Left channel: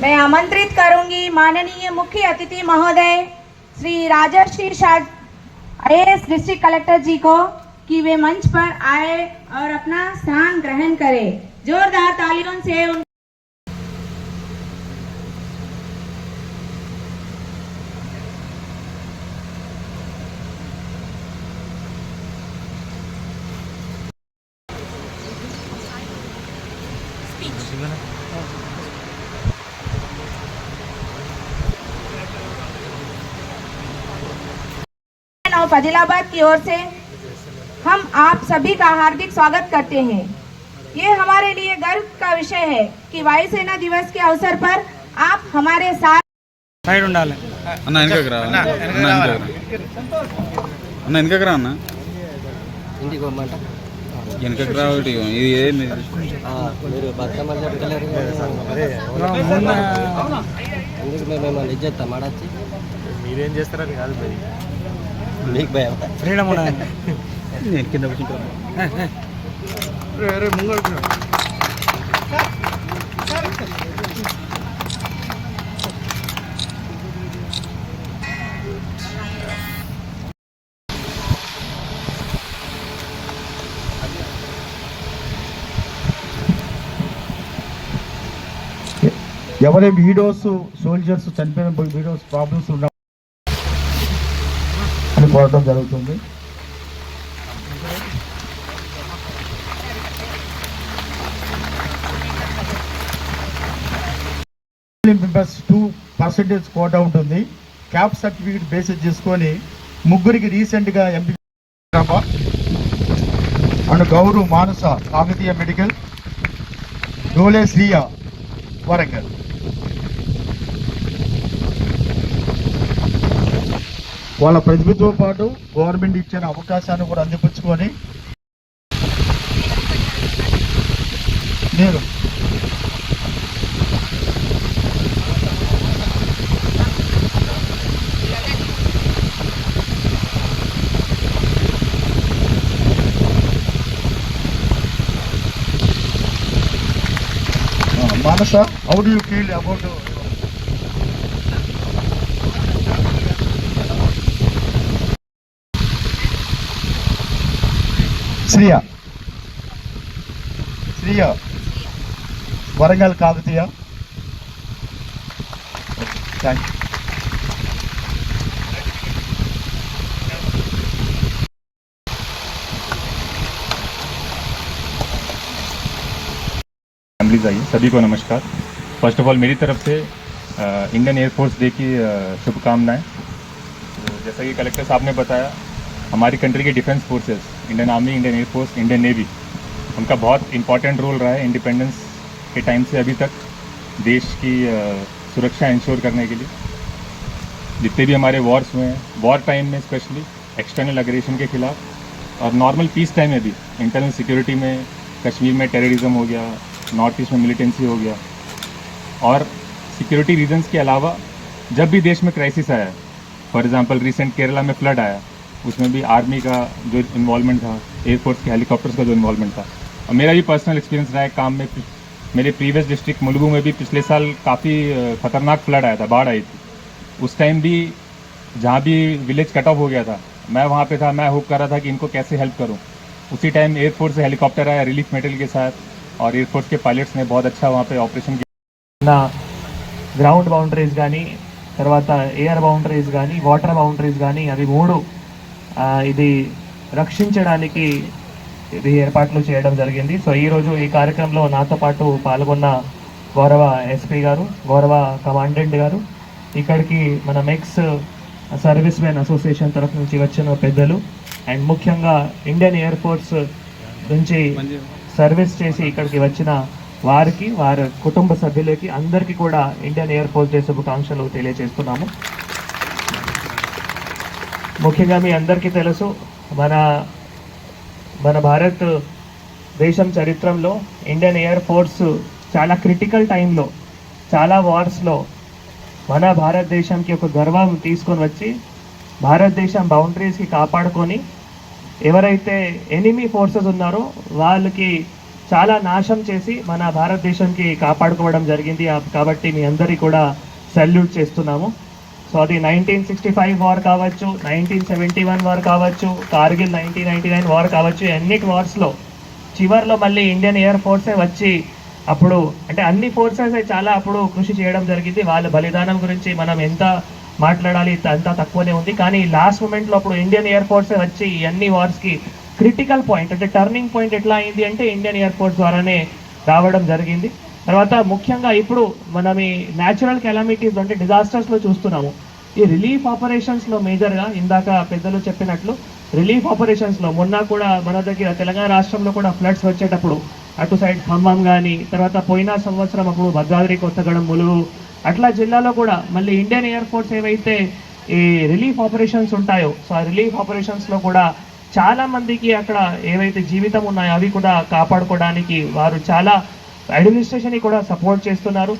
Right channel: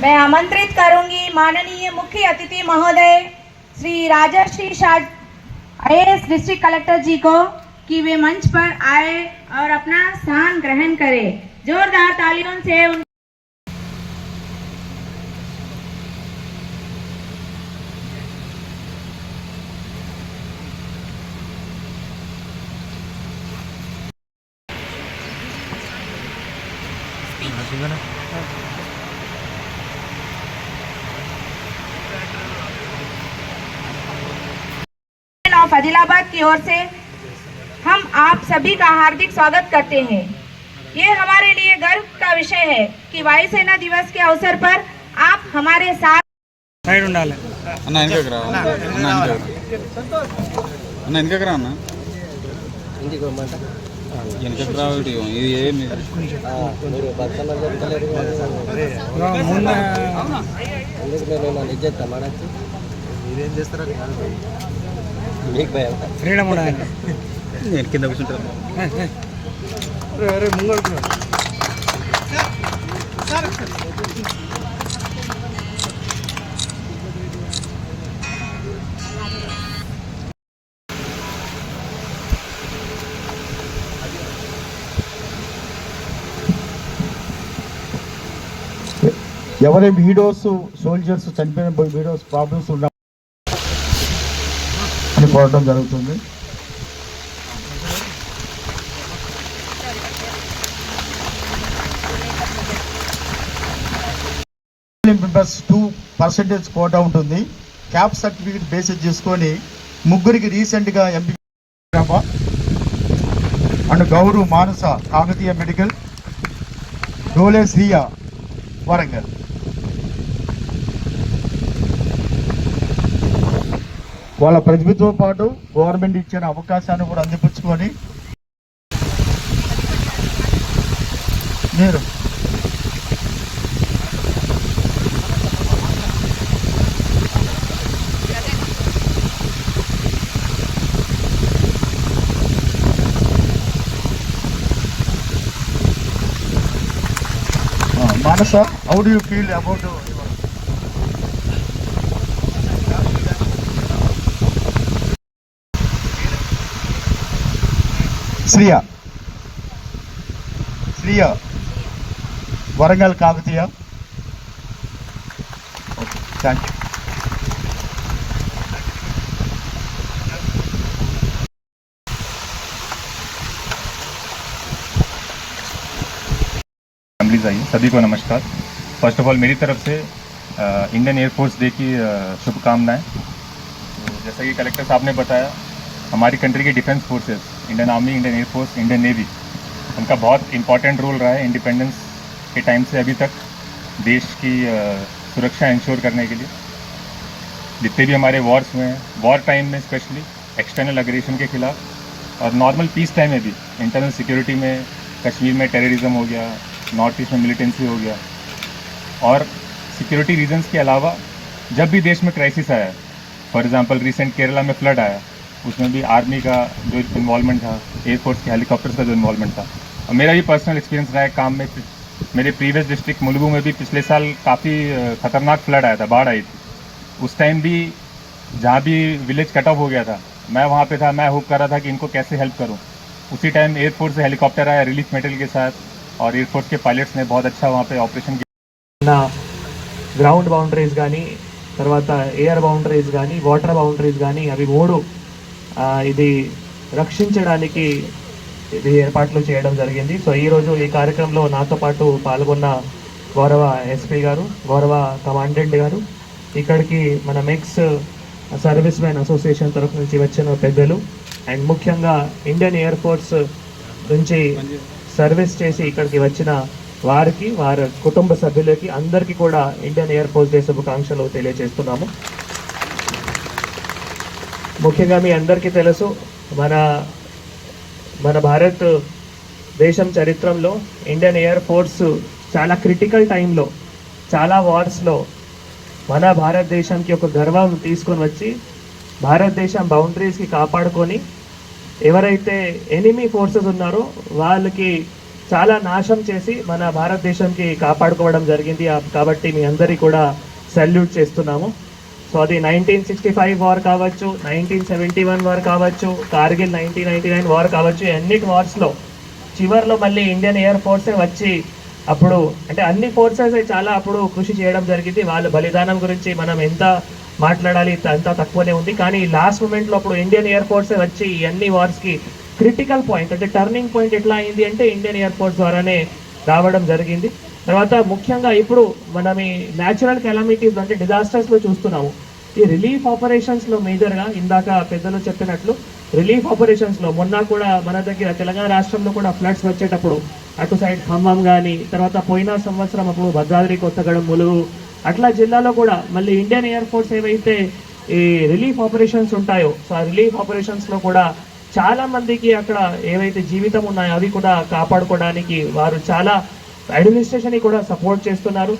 मैं आमंत्रित करूँगी माननीय मुख्य अतिथि महोदय Shri Rajarshi Shah IAS district collector ji को कि वे मंच पर आए और अपना स्थान ग्रहण करें। जोरदार तालियों से उन ऑफ आदिलाबाद की ओर से हम आप सभी का हार्दिक स्वागत करते हैं ये हमारे लिए गर्व का विषय है कि वायुसेना दिवस के अवसर पर आप हमारे साथ సైడ్ ఉండాలి అన్న వెనకకి రా అన్న వెనకకి రా. అన్న వెనకకి రా అన్న వెనకకి రా ఒకటి ఇది ఏమి ముందు మీరేం చేస్తారో ఫ్రీడమ్ ఉండాలి నేను కింద కూర్చుంటాను ఎవరి వీడియోస్ సోల్జర్స్ చనిపోయిన వీడియోస్ ప్రాబ్లమ్స్ ఉన్న కోరడం జరుగుతుంది. మెంబర్స్ టూ పర్సెంటేజ్ కోటా ఉంటుంది. క్యాప్ సర్టిఫికేట్ బేసిస్ చేసుకొని ముగ్గురికి రీసెంట్గా MP and Gaurav Manasa Kakatiya medical Dole Shriya Warangal. వాళ్ళ ప్రతిభతో పాటు గవర్నమెంట్ ఇచ్చిన అవకాశాన్ని కూడా అందిపుచ్చుకొని నేను Manasa how do you feel about Shriya Shriya Warangal Kakatiya thank you assemblies आई सभी को नमस्कार फर्स्ट ऑफ ऑल मेरी तरफ से अ, इंडियन एयरफोर्स डे की अ, शुभकामनाएं तो जैसा कि कलेक्टर साहब ने बताया हमारी कंट्री की defence forces Indian army Indian air force Indian navy उनका बहुत इंपॉर्टेंट रोल रहा है इंडिपेंडेंस के टाइम से अभी तक, देश की सुरक्षा इंश्योर करने के लिए। जितने भी हमारे वॉर्स हुए हैं वॉर टाइम में स्पेशली एक्सटर्नल अग्रेशन के खिलाफ, और नॉर्मल पीस टाइम में भी इंटरनल सिक्योरिटी में, कश्मीर में टेररिज्म हो गया नॉर्थ ईस्ट में मिलिटेंसी हो गया। और सिक्योरिटी रीजंस के अलावा, जब भी देश में क्राइसिस आया फॉर एग्जांपल रिसेंट केरला में फ्लड आया उसमें भी आर्मी का जो इन्वॉल्वमेंट था एयरफोर्स के हेलीकॉप्टर्स का जो इन्वॉल्वमेंट था और मेरा भी पर्सनल एक्सपीरियंस रहा है काम में मेरे प्रीवियस डिस्ट्रिक्ट मुलुगु में भी पिछले साल काफ़ी खतरनाक फ्लड आया था बाढ़ आई थी उस टाइम भी जहाँ भी विलेज कट ऑफ हो गया था मैं वहाँ पे था मैं होप कर रहा था कि इनको कैसे हेल्प करूँ उसी टाइम एयरफोर्स से हेलीकॉप्टर आया रिलीफ मेटेरियल के साथ और एयरफोर्स के पायलट्स ने बहुत अच्छा वहाँ पे ऑपरेशन किया నా గ్రౌండ్ బౌండరీస్ కానీ తర్వాత ఎయిర్ బౌండరీస్ కానీ వాటర్ బౌండరీస్ కానీ అవి మూడు ఆ, ఇది రక్షించడానికి ఇది ఏర్పాట్లు చేయడం జరిగింది. సో ఈరోజు ఈ కార్యక్రమంలో నాతో పాటు పాల్గొన్న గౌరవ ఎస్పీ గారు గౌరవ కమాండెంట్ గారు ఇక్కడికి మన మెక్స్ సర్వీస్ మెన్ అసోసియేషన్ తరఫు నుంచి వచ్చిన పెద్దలు అండ్ ముఖ్యంగా ఇండియన్ ఎయిర్ ఫోర్స్ నుంచి సర్వీస్ చేసి ఇక్కడికి వచ్చిన వారికి వారి కుటుంబ సభ్యులకి అందరికీ కూడా ఇండియన్ ఎయిర్ ఫోర్స్ డే శుభాకాంక్షలు తెలియజేస్తున్నాము. ముఖ్యంగా మీ అందరికీ తెలుసు మన మన భారత్ దేశం చరిత్రలో ఇండియన్ ఎయిర్ ఫోర్స్ చాలా క్రిటికల్ టైంలో చాలా వార్స్లో మన భారతదేశంకి ఒక గర్వం తీసుకొని వచ్చి భారతదేశం బౌండరీస్కి కాపాడుకొని ఎవరైతే ఎనిమీ ఫోర్సెస్ ఉన్నారో వాళ్ళకి చాలా నాశం చేసి మన భారతదేశంకి కాపాడుకోవడం జరిగింది. కాబట్టి మీ అందరికీ కూడా సెల్యూట్ చేస్తున్నాము. సో అది నైన్టీన్ సిక్స్టీ ఫైవ్ వార్ కావచ్చు నైన్టీన్ సెవెంటీ వన్ వార్ కావచ్చు Kargil nineteen ninety nine war కావచ్చు అన్నిటి వార్స్లో చివర్లో మళ్ళీ ఇండియన్ ఎయిర్ ఫోర్సే వచ్చి అప్పుడు అంటే అన్ని ఫోర్సెస్ చాలా అప్పుడు కృషి చేయడం జరిగింది. వాళ్ళ బలిదానం గురించి మనం ఎంత మాట్లాడాలి అంత తక్కువనే ఉంది. కానీ లాస్ట్ మూమెంట్లో అప్పుడు ఇండియన్ ఎయిర్ ఫోర్సే వచ్చి అన్ని వార్స్కి క్రిటికల్ పాయింట్ అంటే టర్నింగ్ పాయింట్ ఎట్లా అయింది అంటే ఇండియన్ ఎయిర్ ఫోర్స్ ద్వారానే రావడం జరిగింది. తర్వాత ముఖ్యంగా ఇప్పుడు మనం ఈ న్యాచురల్ కెలామిటీస్ అంటే డిజాస్టర్స్లో చూస్తున్నాము. ఈ రిలీఫ్ ఆపరేషన్స్లో ఇందాక పెద్దలు చెప్పినట్లు రిలీఫ్ ఆపరేషన్స్లో మొన్న కూడా మన దగ్గర తెలంగాణ రాష్ట్రంలో కూడా ఫ్లడ్స్ వచ్చేటప్పుడు అటు సైడ్ ఖమ్మం కానీ తర్వాత పోయిన సంవత్సరం అప్పుడు భద్రాద్రి కొత్తగడం ములుగు అట్లా జిల్లాలో కూడా మళ్ళీ ఇండియన్ ఎయిర్ ఫోర్స్ ఏవైతే ఈ రిలీఫ్ ఆపరేషన్స్ ఉంటాయో సో ఆ రిలీఫ్ ఆపరేషన్స్లో కూడా చాలా మందికి అక్కడ ఏవైతే జీవితం ఉన్నాయో అవి కూడా కాపాడుకోవడానికి వారు చాలా అడ్మినిస్ట్రేషన్ కూడా సపోర్ట్ చేస్తున్నారు.